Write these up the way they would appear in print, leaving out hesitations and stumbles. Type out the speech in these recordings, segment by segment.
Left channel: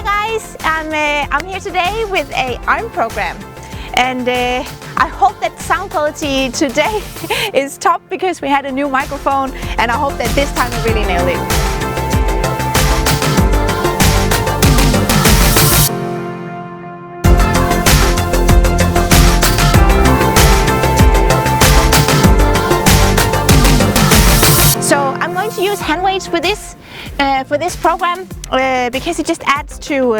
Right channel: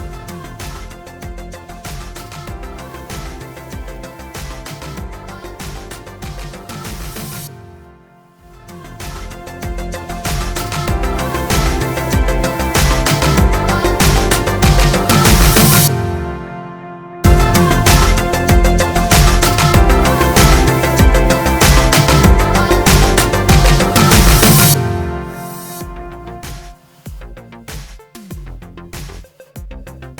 Hi guys, I'm here today with a arm program, and I hope that sound quality today is top because we had a new microphone, and I hope that this time I really nailed it. For this program because it just adds to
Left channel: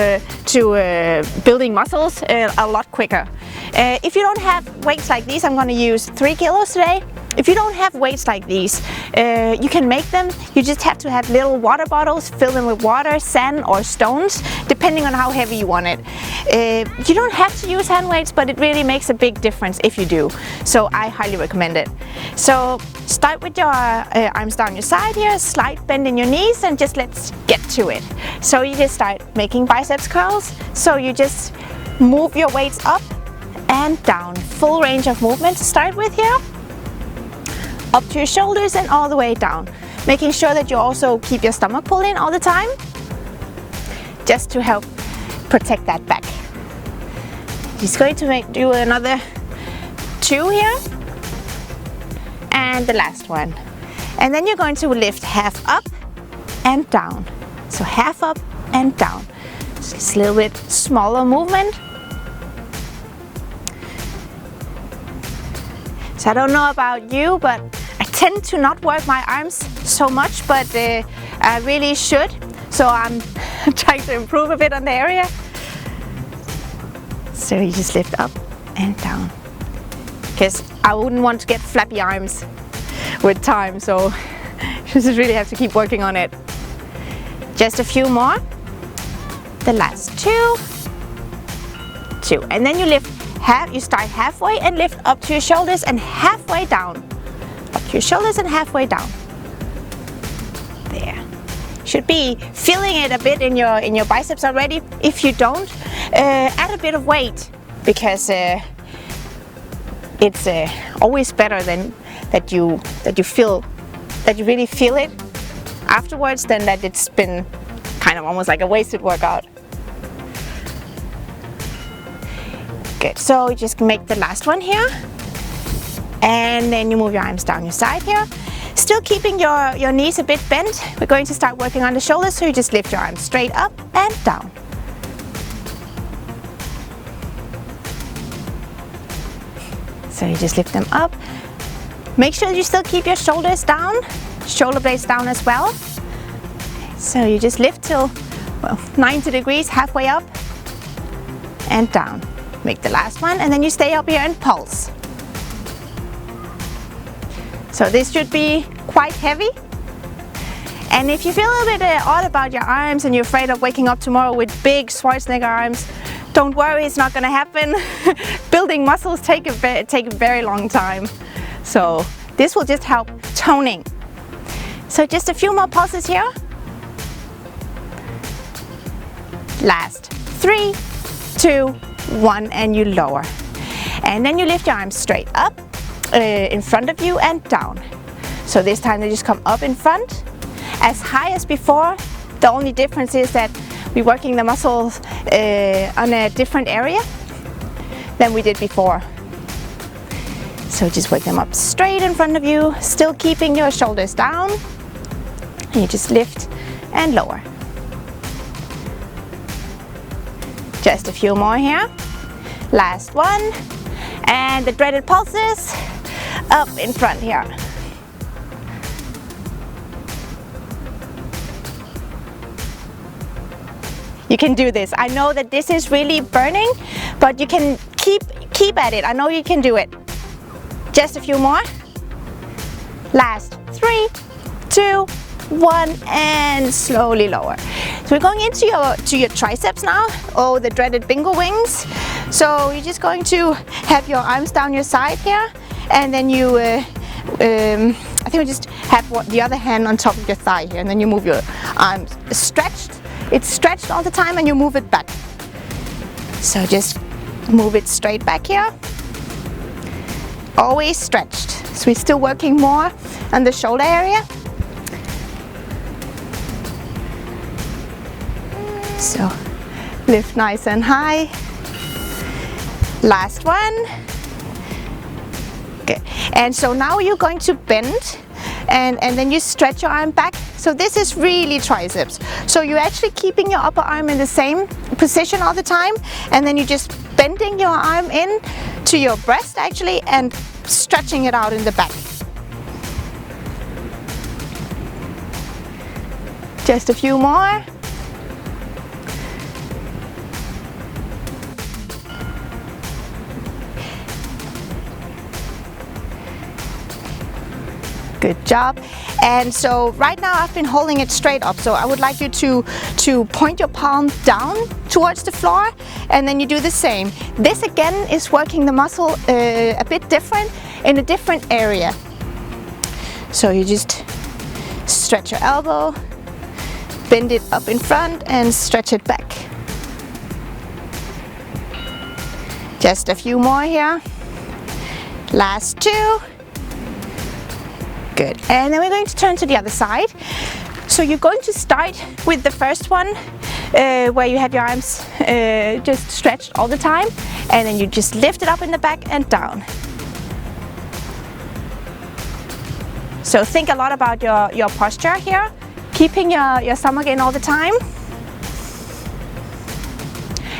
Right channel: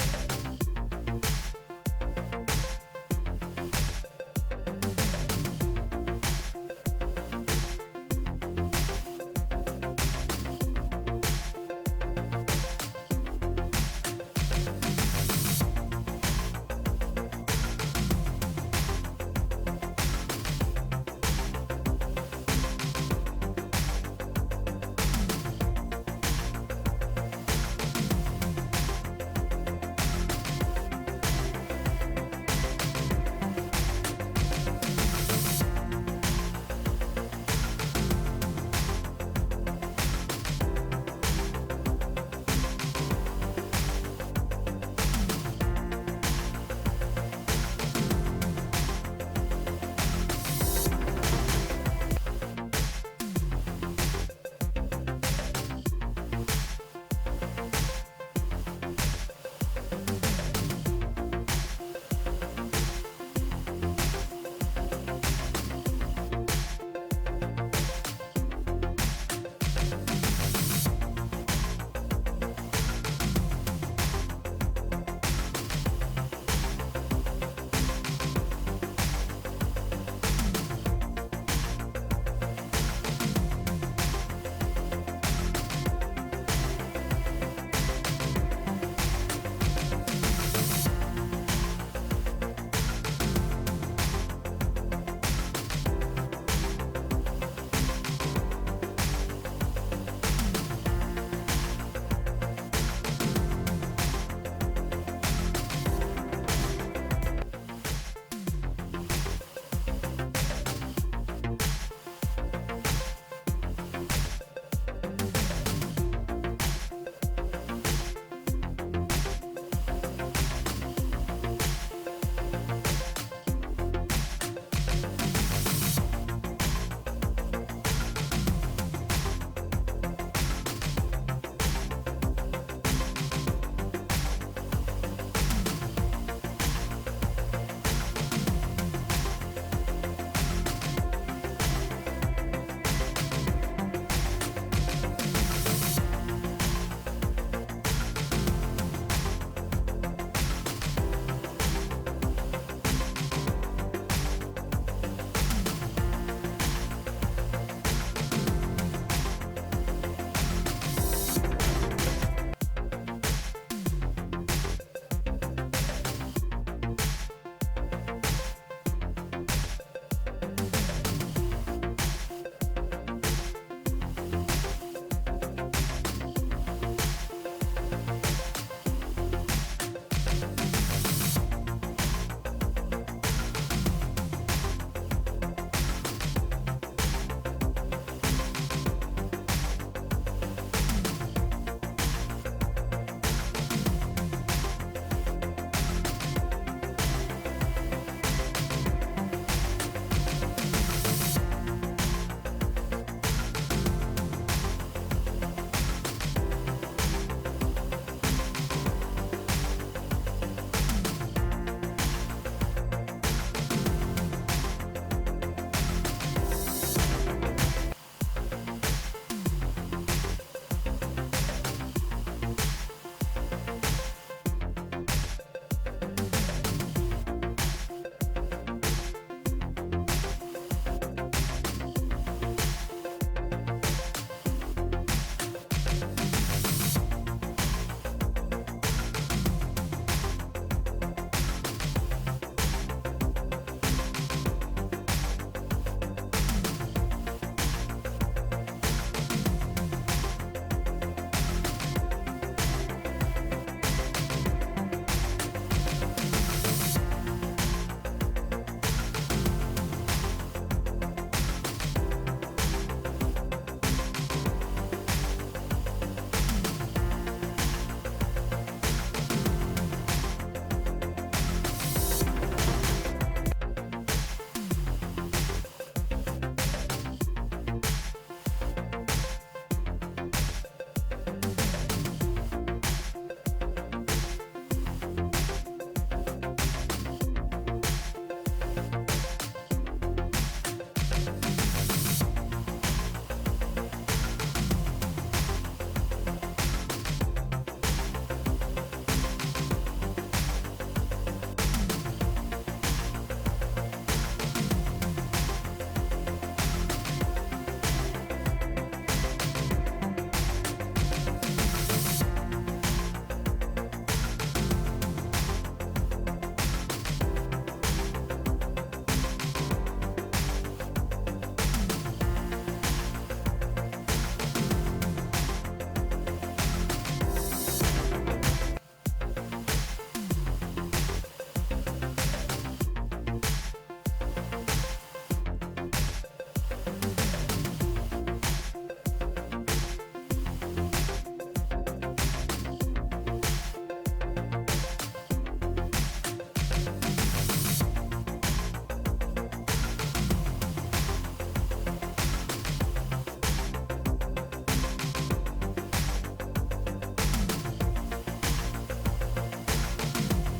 building muscles a lot quicker. If you don't have weights like these, I'm going to use 3 kilos today. If you don't have weights like these, you can make them. You just have to have little water bottles, fill them with water, sand or stones, depending on how heavy you want it. You don't have to use hand weights, but it really makes a big difference if you do. So I highly recommend it. So start with your arms down your side here, slight bend in your knees, and just let's get to it. So you just start making biceps curls. So you just move your weights up and down. Full range of movement to start with here. Up to your shoulders and all the way down. Making sure that you also keep your stomach pulled in all the time, just to help protect that back. Just going to do another 2 here, and the last one. And then you're going to lift half up and down. So half up and down. Just a little bit smaller movement. So I don't know about you, but I tend to not work my arms so much, but I really should. So I'm trying to improve a bit on the area. So you just lift up and down. Because I wouldn't want to get flabby arms with time, so you just really have to keep working on it. Just a few more. The last 2. And then you lift. You start halfway and lift up to your shoulders and halfway down. Up to your shoulders and halfway down. There. Should be feeling it a bit in your biceps already. If you don't, add a bit of weight, because it's always better than that you really feel it afterwards than that it's been kind of almost like a wasted workout. Good, so you just make the last one here, and then you move your arms down your side here. Still keeping your knees a bit bent. We're going to start working on the shoulders, so you just lift your arms straight up and down. So you just lift them up. Make sure you still keep your shoulders down, shoulder blades down as well. So you just lift till, well, 90 degrees, halfway up and down. Make the last one, and then you stay up here and pulse. So this should be quite heavy. And if you feel a little bit odd about your arms and you're afraid of waking up tomorrow with big Schwarzenegger arms, don't worry, it's not going to happen. Building muscles take a very long time. So this will just help toning. So just a few more pulses here. Last 3, 2, 1, and you lower. And then you lift your arms straight up in front of you and down. So this time they just come up in front, as high as before. The only difference is that we're working the muscles on a different area than we did before. So just work them up straight in front of you, still keeping your shoulders down. And you just lift and lower. Just a few more here. Last one. And the dreaded pulses up in front here. You can do this. I know that this is really burning, but you can keep at it. I know you can do it. Just a few more. Last 3, 2, 1, and slowly lower. So we're going into your triceps now, the dreaded bingo wings. So you're just going to have your arms down your side here, and then you, I think we just have the other hand on top of your thigh here, and then you move your arms stretched. It's stretched all the time, and you move it back. So just move it straight back here. Always stretched. So we're still working more on the shoulder area. So Lift nice and high. Last one. Good. And so now you're going to bend and then you stretch your arm back. So this is really triceps. So you're actually keeping your upper arm in the same position all the time, and then you're just bending your arm in to your breast actually and stretching it out in the back. Just a few more. Good job. And so right now I've been holding it straight up, so I would like you to point your palm down towards the floor, and then you do the same. This again is working the muscle a bit different in a different area. So you just stretch your elbow, bend it up in front and stretch it back. Just a few more here. Last two. Good. And then we're going to turn to the other side. So you're going to start with the first one where you have your arms just stretched all the time, and then you just lift it up in the back and down. So think a lot about your posture here, keeping your stomach in all the time.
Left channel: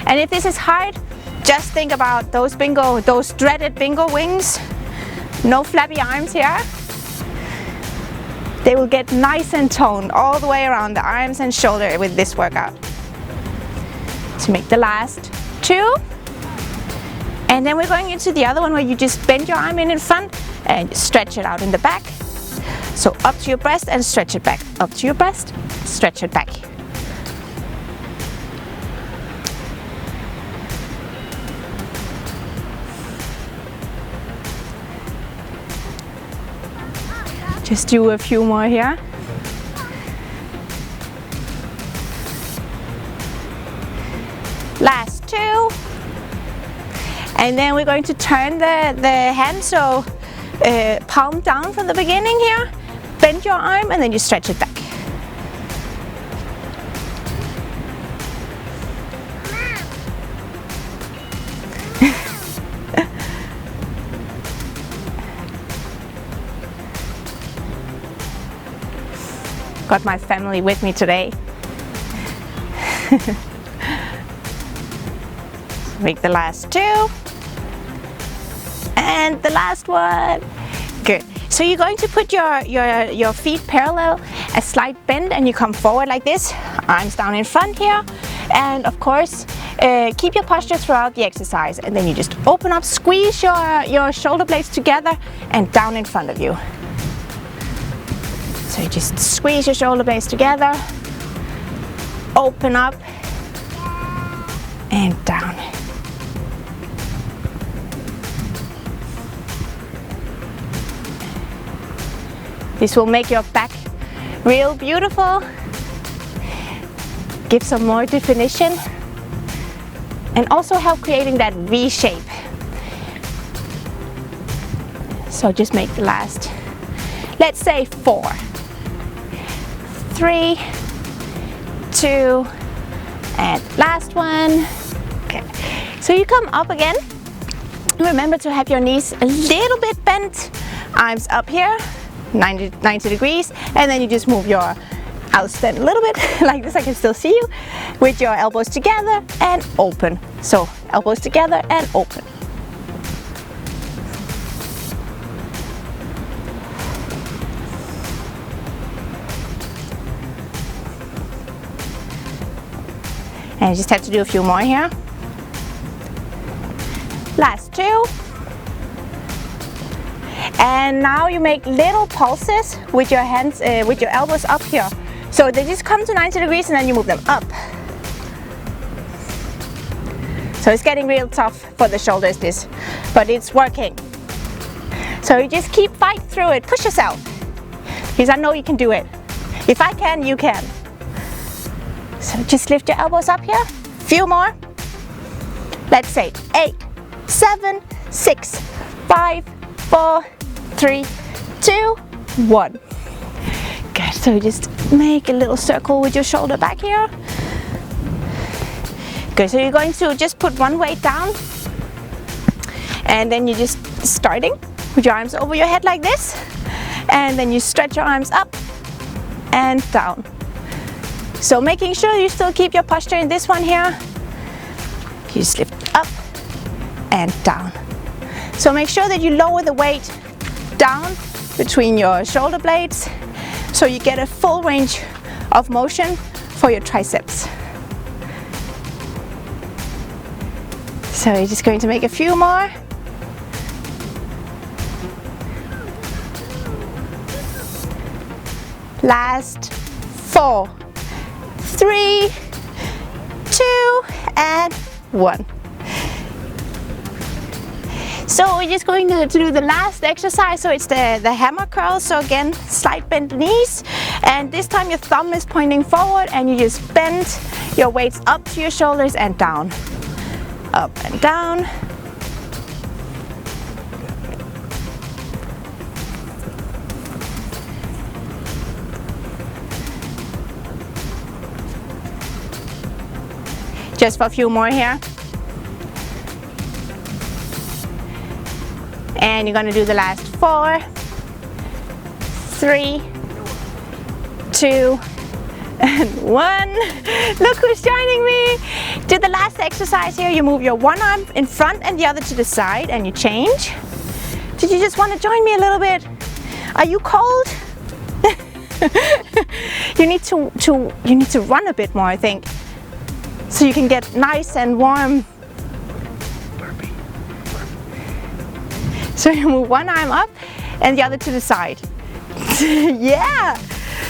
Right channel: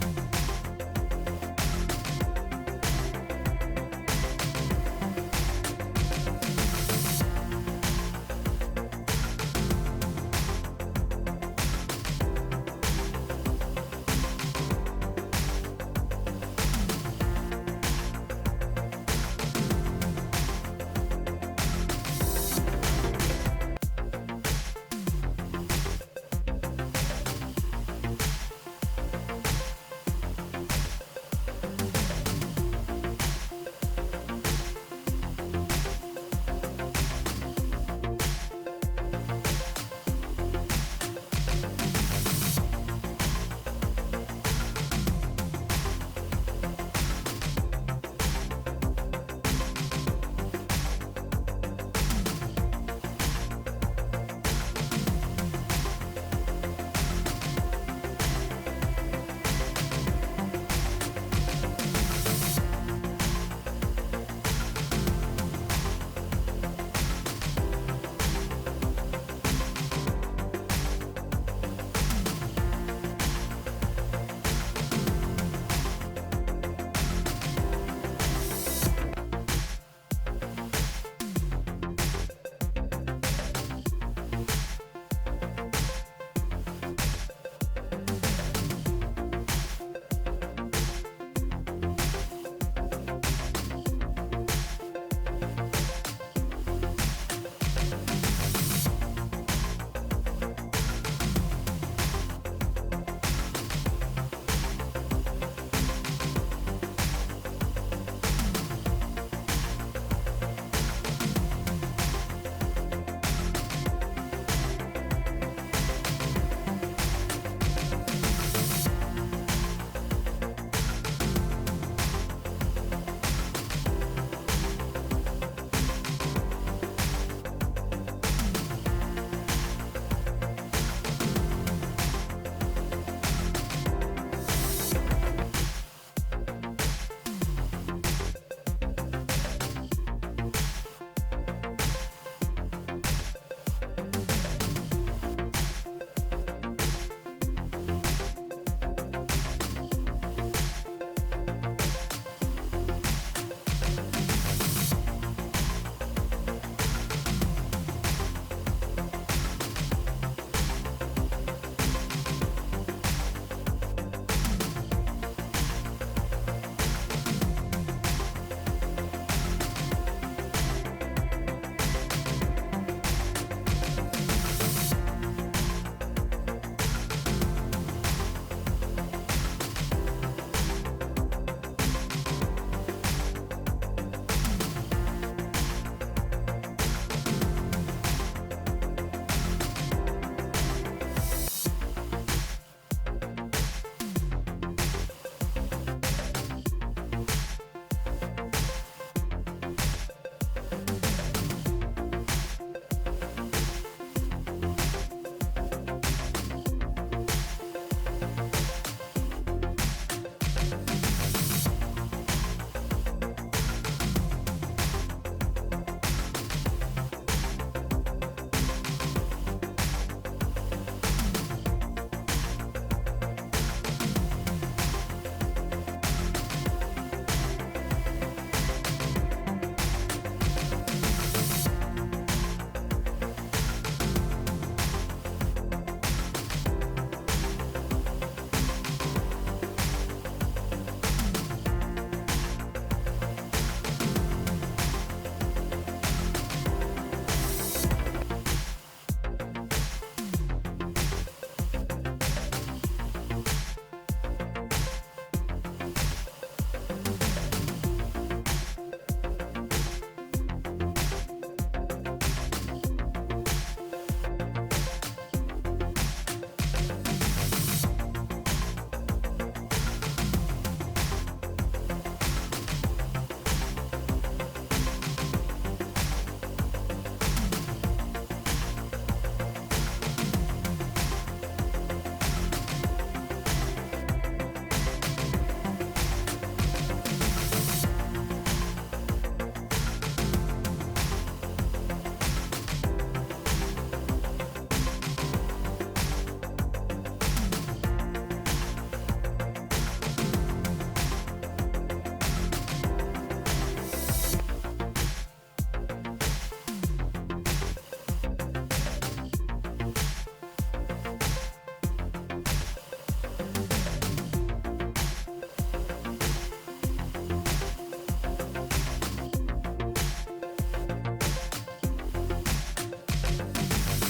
And if this is hard, just think about those dreaded bingo wings. No flabby arms here. They will get nice and toned all the way around the arms and shoulder with this workout. To make the last two. And then we're going into the other one where you just bend your arm in front and stretch it out in the back. So up to your breast and stretch it back. Up to your breast, stretch it back. Just do a few more here. Last two. And then we're going to turn the hand, so palm down from the beginning here. Bend your arm and then you stretch it back. Got my family with me today. Make the last two. And the last one. Good. So you're going to put your feet parallel, a slight bend, and you come forward like this. Arms down in front here. And of course, keep your posture throughout the exercise. And then you just open up, squeeze your shoulder blades together and down in front of you. So you just squeeze your shoulder blades together, open up, and down. This will make your back real beautiful, give some more definition, and also help creating that V shape. So just make the last, let's say 4. 3, 2, and last one. Okay. So you come up again. Remember to have your knees a little bit bent, arms up here, 90 degrees, and then you just move your outstand a little bit like this. I can still see you with your elbows together and open. So elbows together and open. And you just have to do a few more here. Last two. And now you make little pulses with your hands, with your elbows up here. So they just come to 90 degrees and then you move them up. So it's getting real tough for the shoulders, this, but it's working. So you just keep fighting through it, push yourself. Because I know you can do it. If I can, you can. So just lift your elbows up here, few more. Let's say 8, 7, 6, 5, 4, 3, 2, 1. Good, so just make a little circle with your shoulder back here. Good, so you're going to just put one weight down, and then you're just starting with your arms over your head like this, and then you stretch your arms up and down. So making sure you still keep your posture in this one here. You just lift up and down. So make sure that you lower the weight down between your shoulder blades so you get a full range of motion for your triceps. So you're just going to make a few more. Last 4, 3, 2, and 1. So we're just going to do the last exercise. So it's the hammer curl. So again, slight bend knees. And this time your thumb is pointing forward and you just bend your weights up to your shoulders and down. Up and down. Just for a few more here. And you're going to do the last 4, 3, 2, and 1. Look who's joining me. Do the last exercise here. You move your one arm in front and the other to the side and you change. Did you just want to join me a little bit? Are you cold? You need to run a bit more, I think, so you can get nice and warm. So you move one arm up and the other to the side. Yeah!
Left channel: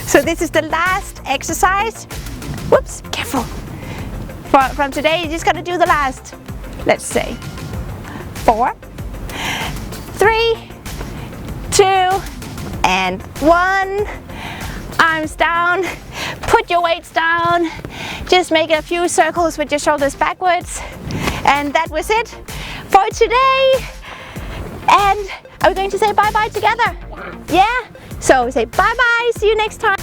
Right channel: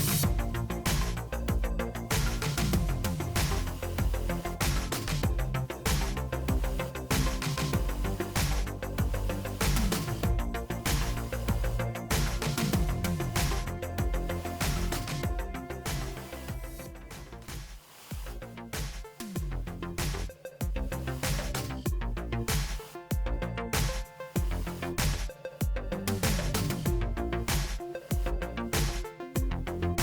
So this is the last exercise. Whoops, careful. From today, you just gotta do the last, let's say, 4, 3, 2, and 1. Arms down. Put your weights down. Just make a few circles with your shoulders backwards. And that was it for today. And are we going to say bye-bye together? Yeah? So say bye-bye, see you next time.